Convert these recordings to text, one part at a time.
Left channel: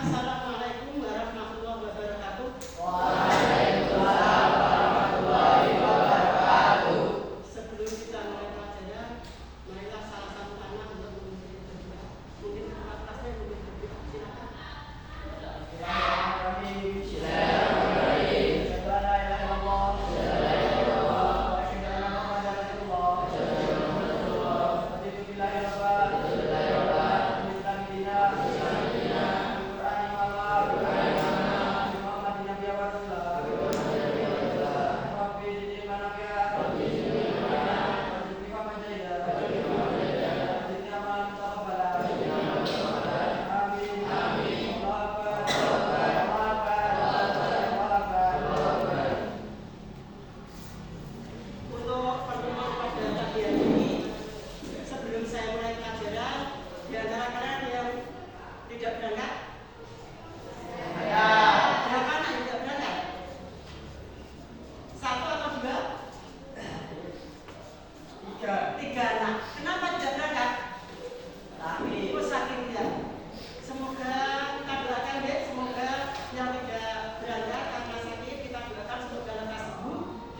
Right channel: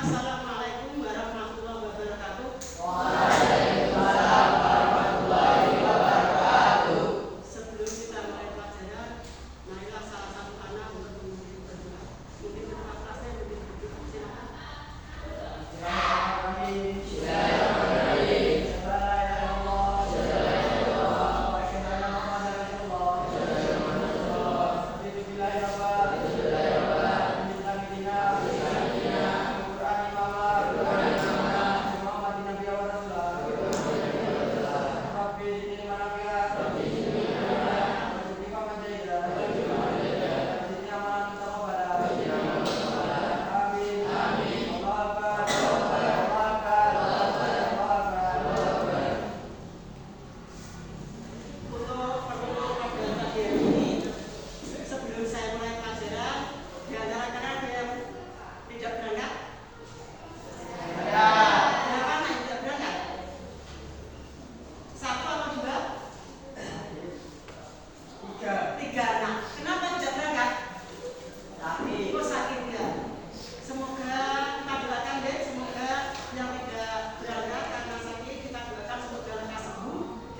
Assalamualaikum warahmatullahi wabarakatuh. Waalaikumsalam warahmatullahi wabarakatuh. Sebelum kita mulai pelajaran, marilah salah satu anak untuk memimpin berdoa. Mungkin ketua kelasnya mungkin berdoa. Silakan.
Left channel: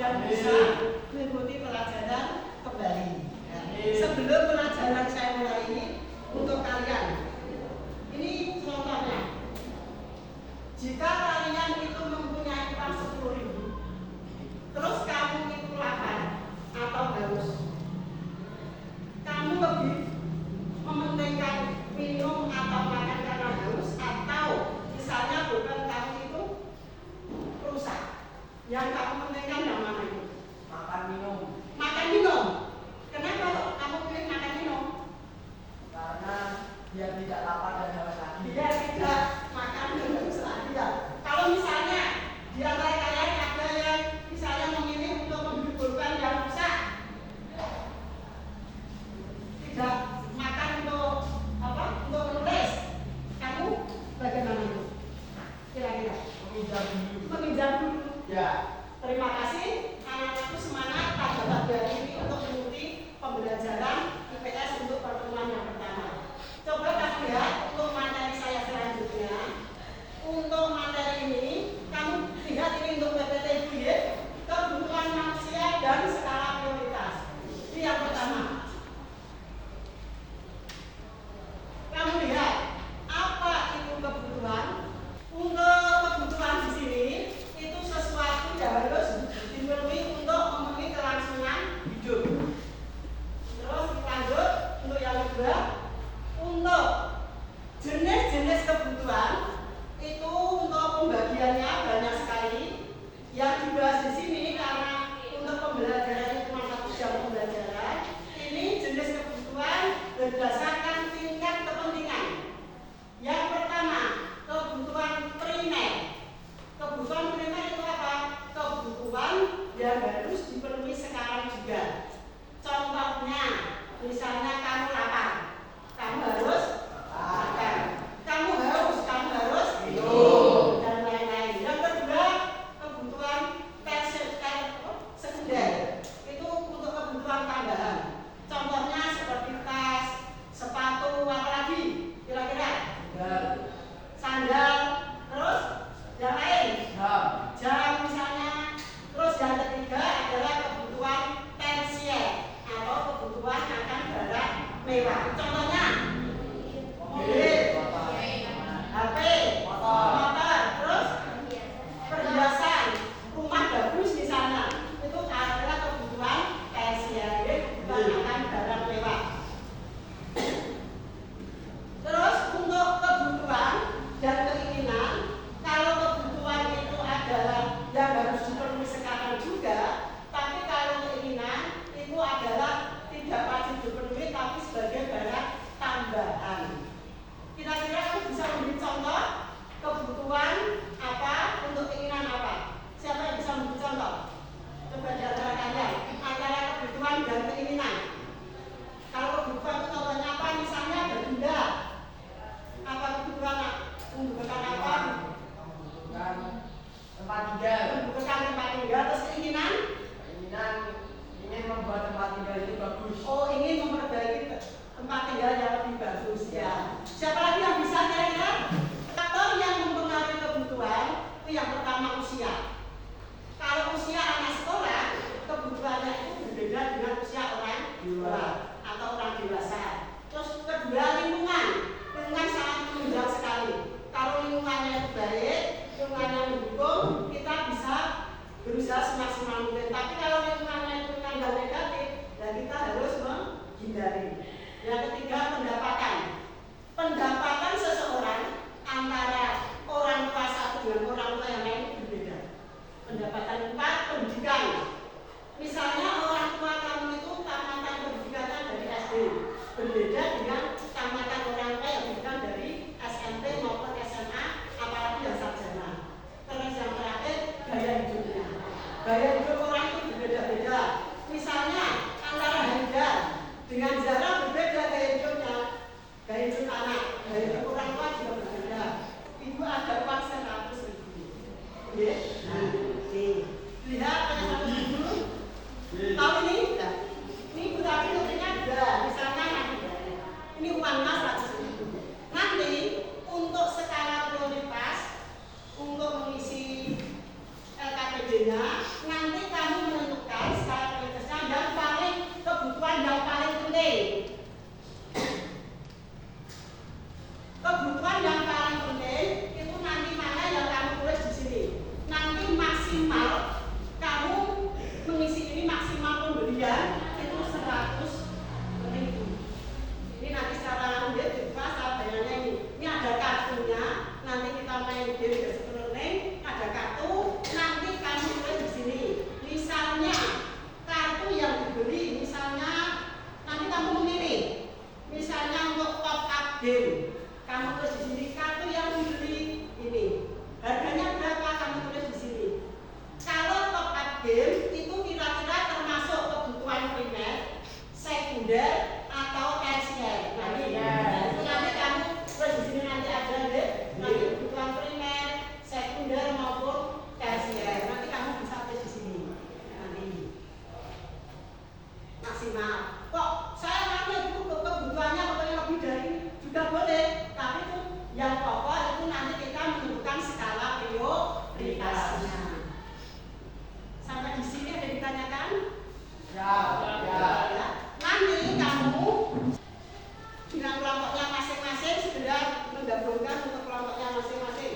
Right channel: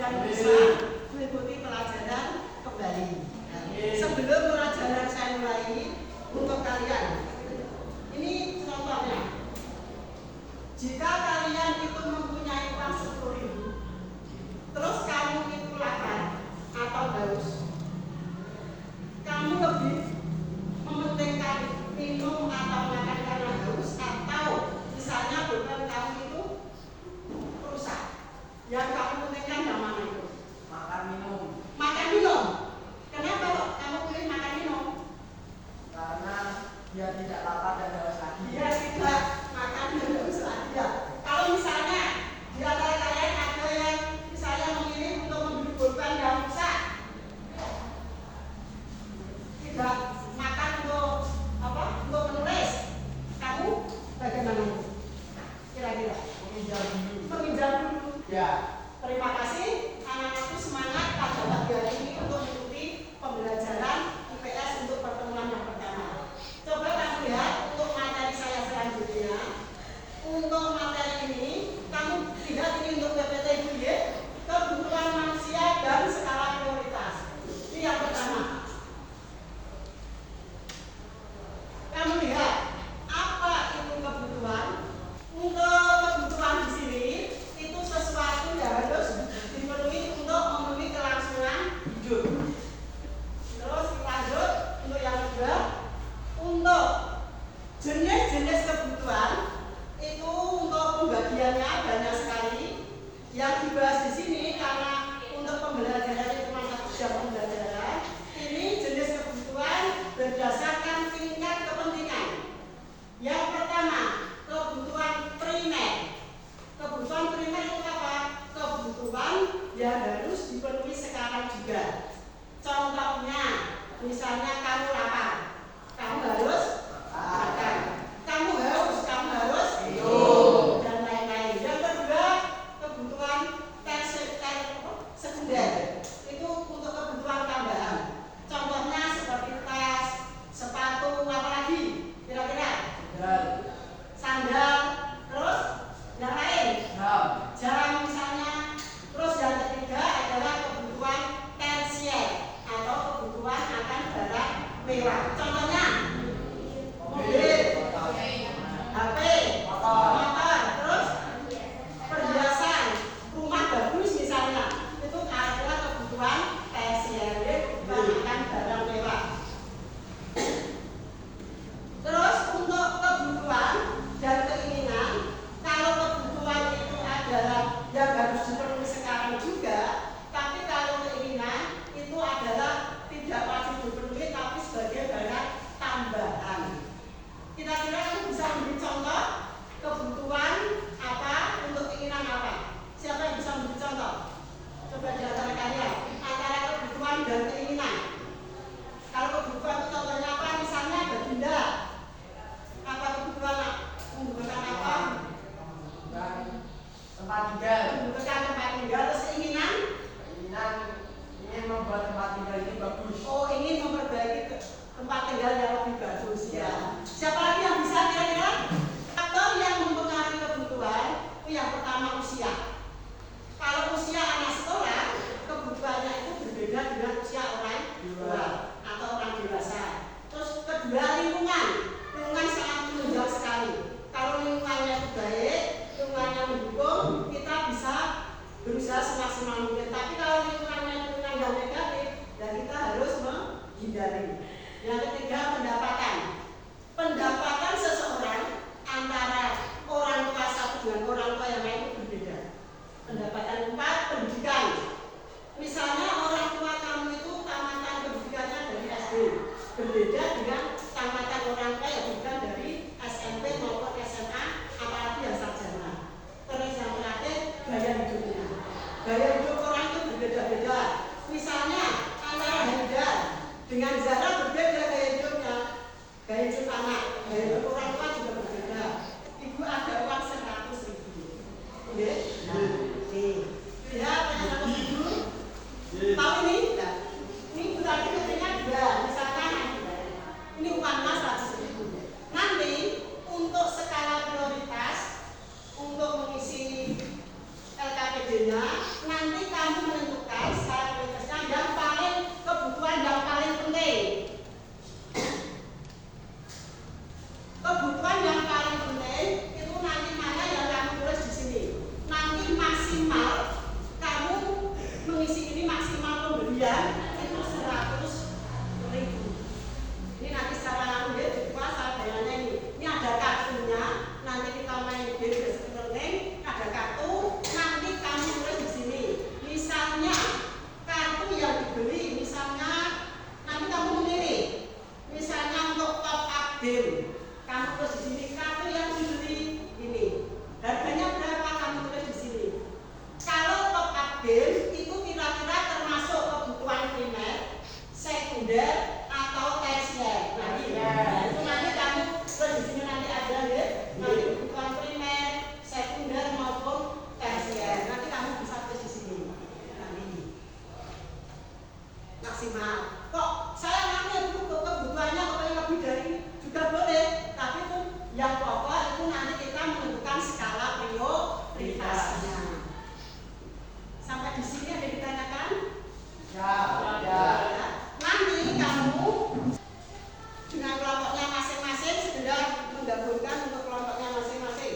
Dan bisa mengikuti pelajaran kembali. Sebelum pelajaran saya mulai ini, untuk kalian, ini contohnya. Jika kalian itu mempunyai uang 10.000, terus kamu itu lapar atau haus, kamu lebih mementingkan minum atau makan karena haus, atau misalnya beban kamu itu rusak, yang kamu pentingkan yang mana itu? Makan minum. Makan minum. Kenapa kok kamu pilih makan minum? Karena dia tidak lapar dan haus lagi. Dia tidak makan dan haus lagi. Ya. Kalau misalnya di antara kalian ada yang misalnya memilih untuk membeli pulpen yang rusak, tidak makan untuk apa? Untuk menulis, kamu bagaimana itu? Kira-kira? Meminjam dulu. Ya. Terima kasih, anak-anakku semangat pada pagi hari ini untuk mengikuti pembelajaran IPS untuk pertemuan yang pertama. Coba kamu lihat untuk materi saya selanjutnya. Untuk materi ini, kamu lihat ini untuk PPT Ibu ya, kebutuhan manusia dan skala prioritas. Ini yang pertama. Kamu lihat apa itu kebutuhan? Untuk kebutuhan di sini itu sesuatu yang harus dipenuhi untuk memenuhi kelangsungan hidup. Terus lanjut untuk yang kedua, untuk jenis-jenis kebutuhan itu untuk pembagiannya banyak sekali. Yang dibahas di sini karena untuk pembelajarannya cuma 1 jam pembelajaran. Ini jenis kebutuhan berdasarkan tingkat kepentingan. Yang pertama, kebutuhan primer. Kebutuhan primer itu apa? Kebutuhan yang harus dipenuhi sekarang juga. Contohnya, misalnya kamu lapar, kamu harus makan. Kamu haus, kamu harus minum, dan lain-lain. Yang kedua, kebutuhan sekunder. Itu untuk kebutuhan tambahan. Contohnya seperti tas, sepatu, apa lagi? Kira-kira? Sandal, terus yang lain? Jam misalnya. Terus yang ketiga adalah kebutuhan tersier atau kebutuhan akan barang mewah. Contohnya mobil, HP, motor, terus perhiasan, rumah bagus misalnya. Itu adalah kebutuhan tersier, kebutuhan akan barang mewah. Terus untuk kebutuhan dan keinginan, kalau kebutuhan itu adalah yang harus dipenuhi sekarang juga, tapi kalau keinginan itu adalah tidak wajib dipenuhi tapi sebagai barang tambahan. Kira-kira kamu bisa memberi contoh kebutuhan apa untuk keinginan apa? Siapa yang bisa memberi contoh? Coba di antara kalian, antara kebutuhan dan keinginan. Kalau kebutuhan itu contohnya apa? Misalnya berpindah. Apa kebutuhan? Membutuhkan apa? Membutuhkan tempat tinggal. Membutuhkan tempat tinggal. Terus keinginan? Keinginan ingin membuat tempat tinggal ini bagus. Oh, ingin memperbaiki tempat tinggal yang lebih bagus ya. Siapa lagi yang bisa kira-kira? Faktor kedua lingkungan sangat menunjang sekali. Kalau lingkungannya itu baik, lingkungannya mendukung, kita bisa berusaha semaksimal mungkin. Tapi kalau lingkungannya itu yang negatif, ya kita harus menghindari. Yang ketiga, pendapatan seseorang antara orang tua satu dengan orang tua yang lain itu berbeda. Pendapatan empat, pendidikan. Misalnya orang tua kamu itu tamatan pendidikannya dari SD, berbeda dengan tamatan orang tua yang pendidikan dari SMP maupun SMA, apalagi yang sarjana. Terus yang terakhir, gaya hidupnya. Gaya hidup orang itu berbeda-beda. Misalnya antara Handa dengan Zara berbeda gaya hidupnya. Gaya hidup anak, gaya hidup orang tua juga berbeda. Ibu ada uang 100.000. Oke? Nah, lihat yang 100.000. Tahu ini? Nah, ini ibu tadi kepentingan juga. Misalnya ini uangnya 100.000. Nanti untuk skala prioritas untuk mengisi LKPD-nya, nanti kamu menentukan skala prioritasnya yang paling kebutuhan yang paling penting. Kebutuhan yang paling penting itu nanti mana yang kamu tulis di sini. Nanti maksimal kamu mengisi ini maksimal pembelian itu 100.000. Ini nanti secara langsung ya dibuka salah bayangannya ini. Ini ada kartunya. Nanti kita main game basic learning. Ada kartu. Nanti kamu tulis di sini. Misalnya kartu yang dibeli, misalnya nanti kamu memilih. Misalnya untuk top up game. Kamu tulis di sini kartu yang dibeli ini. Harganya berapa kamu tulis di sini. Kalau top up game itu kira-kira termasuk kebutuhan primer, sekunder atau tersier. Itu nanti kamu tulis di sini nanti ada ya. Nanti kebutuhan primer, sekunder maupun tersier. Nanti kamu bisa tulis di sini. Nanti maksimal. Kok saya ngambil kebutuhannya pokoknya lebih dari ini juga boleh. Tapi itu yang pokok itu nanti kita menentukan skala prioritasnya. Sampai di sini ada ditanyakan? Ya. Nanti kamu dengan kelompoknya masing-masing segera menggabungkan untuk kelompoknya masing-masing.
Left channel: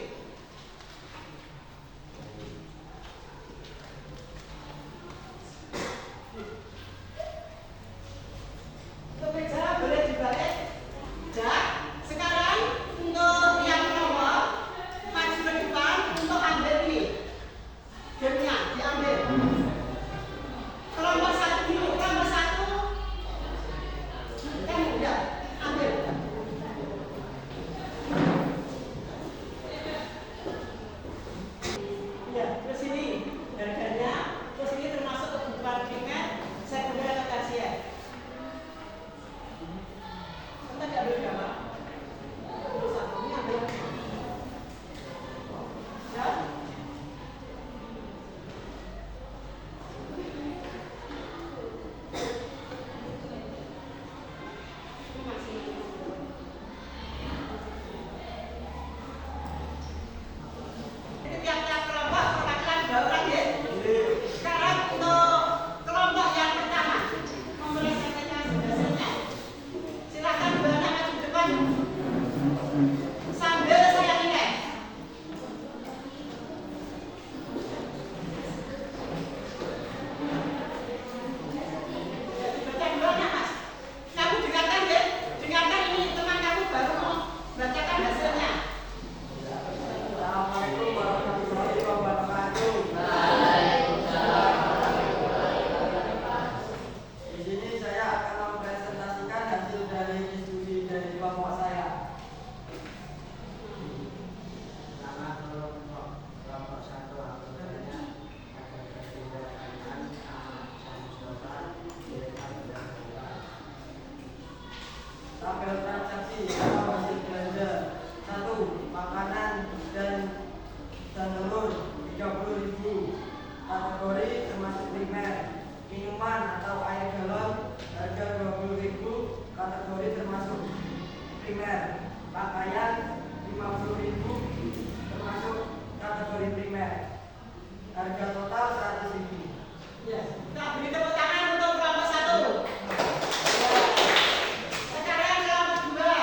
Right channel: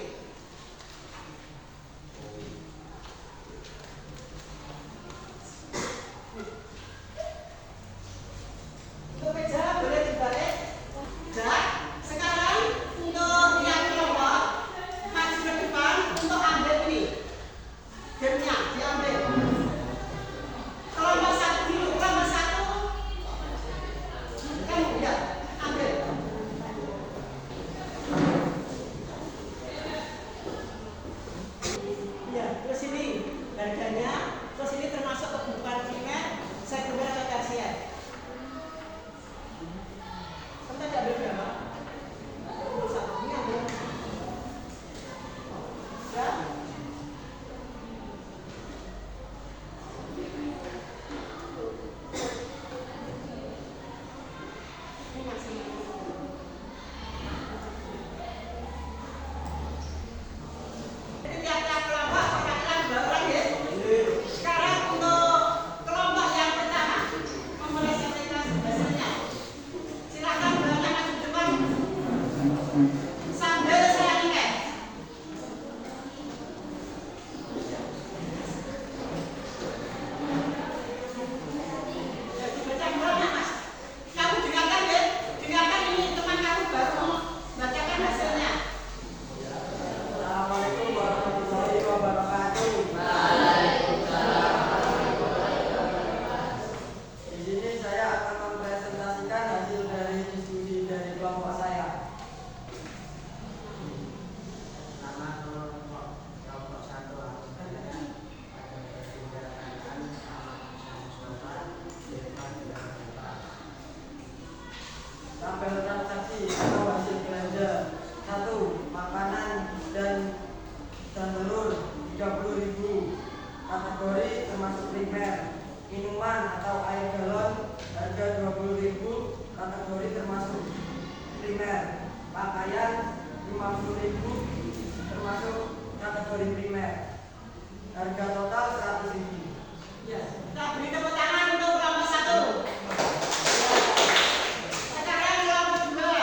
Untuk meja boleh dibalik. Sekarang untuk yang kelompok maju ke depan untuk ambil ini. Gamenya diambil. Kelompok satu dulu, kelompok satu kamu ya ambil. Ya, terus ini harganya, terus ini termasuk kebutuhan primer, sekunder atau tersier. Kamu tadi ambil berapa? Satu, ini ambil. Ya. Tiap-tiap kelompok perwakilan bauran ya. Sekarang untuk kelompok yang pertama mempresentasikan hasilnya. Silakan bawaannya maju depan sambil saya nilai. Ya dibaca bawahnya mas. Kamu dengarkan ya. Dengarkan ini teman kamu baru mau bacakan hasilnya. Assalamualaikum warahmatullahi wabarakatuh. Di sini saya akan mempresentasikan hasil dari studi dari kelompok saya. Nama kelompok satu anggotanya ada kebijakan tabel transaksi atau hasil belanja. 1. Makanan dan telur 30.000. Kategori termasuk primer. Minuman atau air galon harga 20.000. Kategori termasuk primer. Pakaian 50.000 termasuk kategori primer. Harga total 100.000. Ya, kita beri tepuk tangan untuk kelompok satu. Sekarang kelompok dua.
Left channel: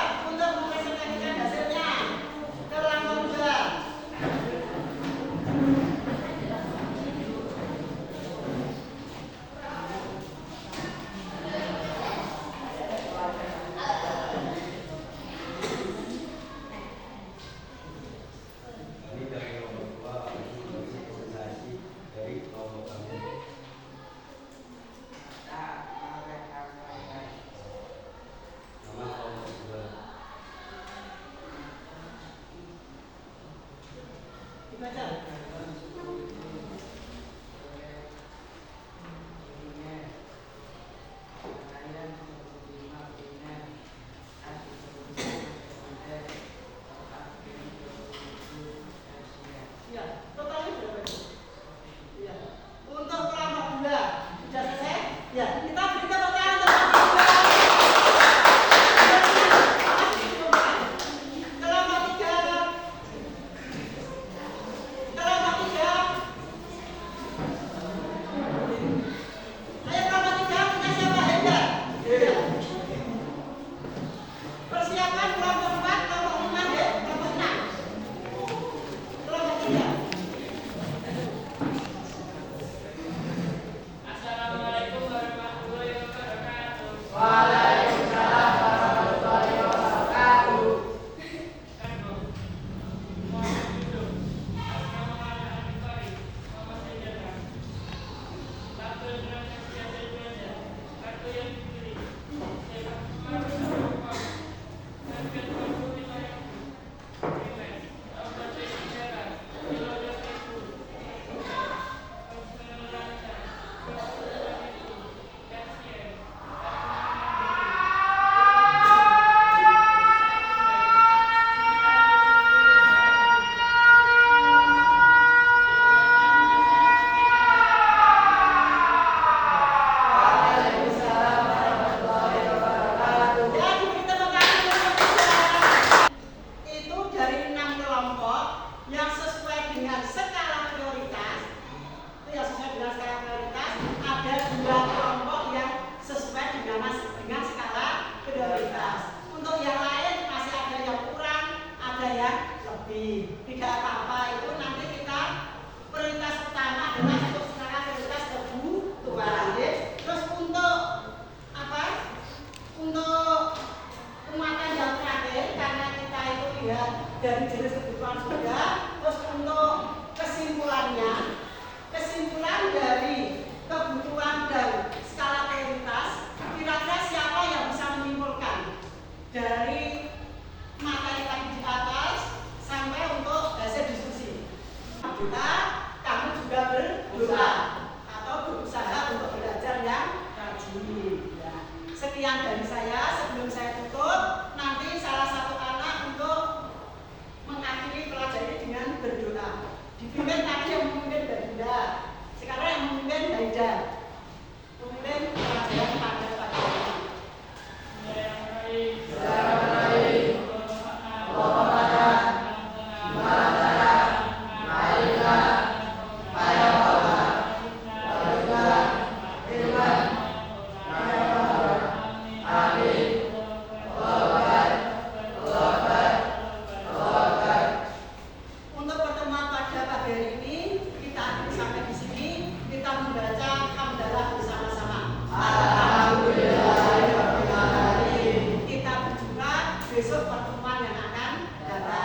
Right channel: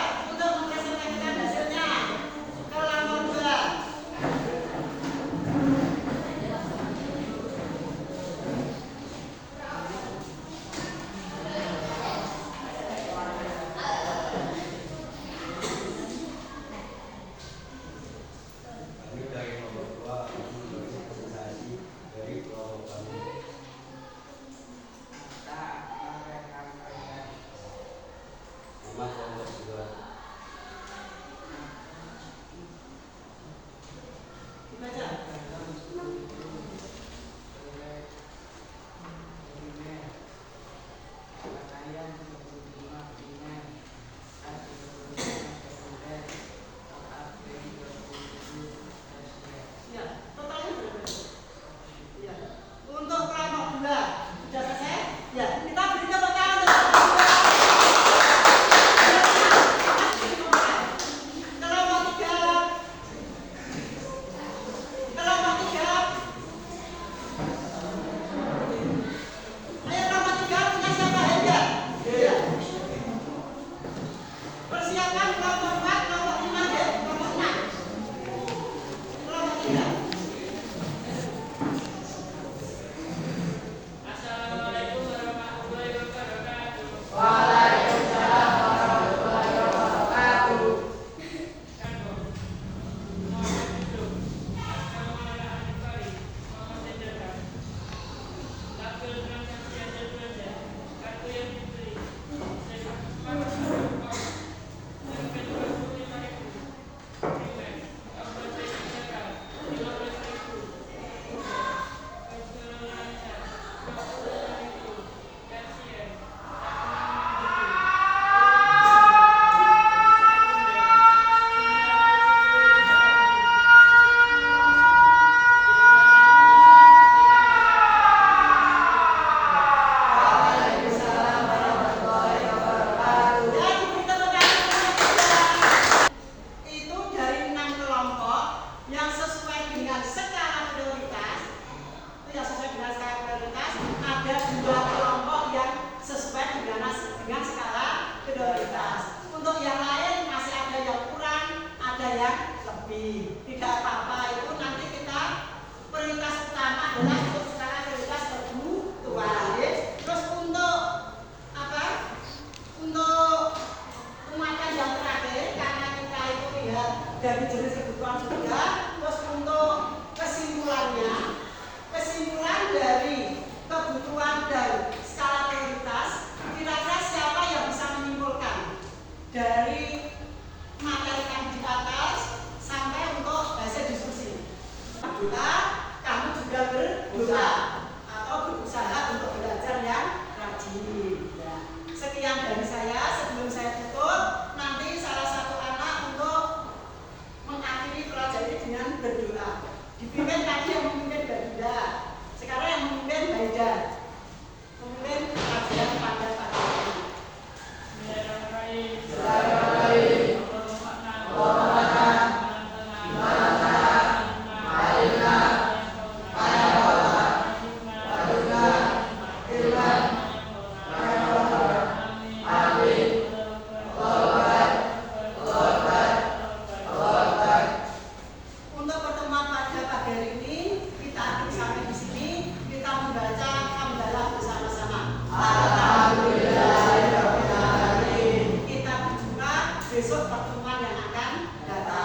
Dipersiapkan kelompok 4, kelompok 5 ya, kelompok 6. Kelompok 3. Assalamualaikum warahmatullahi wabarakatuh. Waalaikumsalam warahmatullahi wabarakatuh. Mohon duduk. Asrama anak adik pari. Mohon sejahtera. Tabel transaksi ada 2 aja. Kartu yang dibeli. Saya Waalaikumsalam warahmatullahi wabarakatuh. Ya, diberi tepuk tangan untuk saudara. Itu dari 6 kelompok yang sesuai dengan skala prioritas. Itu yang sesuai dengan skala prioritas. Ada 2 kelompok yang sesuai dengan skala prioritas. Untuk yang lain masih ada yang kurang, ada yang lebih. Tidak apa-apa, itu nanti kita prioritas utama adalah untuk skala prioritas kebutuhan. Ya. Terus untuk apa? Untuk penguatan yang terakhir, karena kita itu lihat dari jenis kebutuhan sudah, terus untuk kesimpulan dari kebutuhan dan skala prioritas, kira-kira siapa yang bisa menyimpulkan dari materi tadi di atas sampai untuk hasil diskusi. Doa, kamu juga berdoa atau berusaha untuk belajar yang rajin. Ya. Sekian dari saya. Sebelum saya tutup, nanti salah satu anak untuk mengakhiri pelajaran ini dengan berdoa. Dipimpin tadi yang memimpin Baginda, sekarang yang memimpin Baida. Memimpin pelajaran pada pelajaran. Untuk pertemuan pada pagi hari ini kita akhiri sampai di sini. Kita membaca hamdalah bersama-sama. Alhamdulillahirobbilalamin. Kita berjumpa besok pertemuan yang akan datang.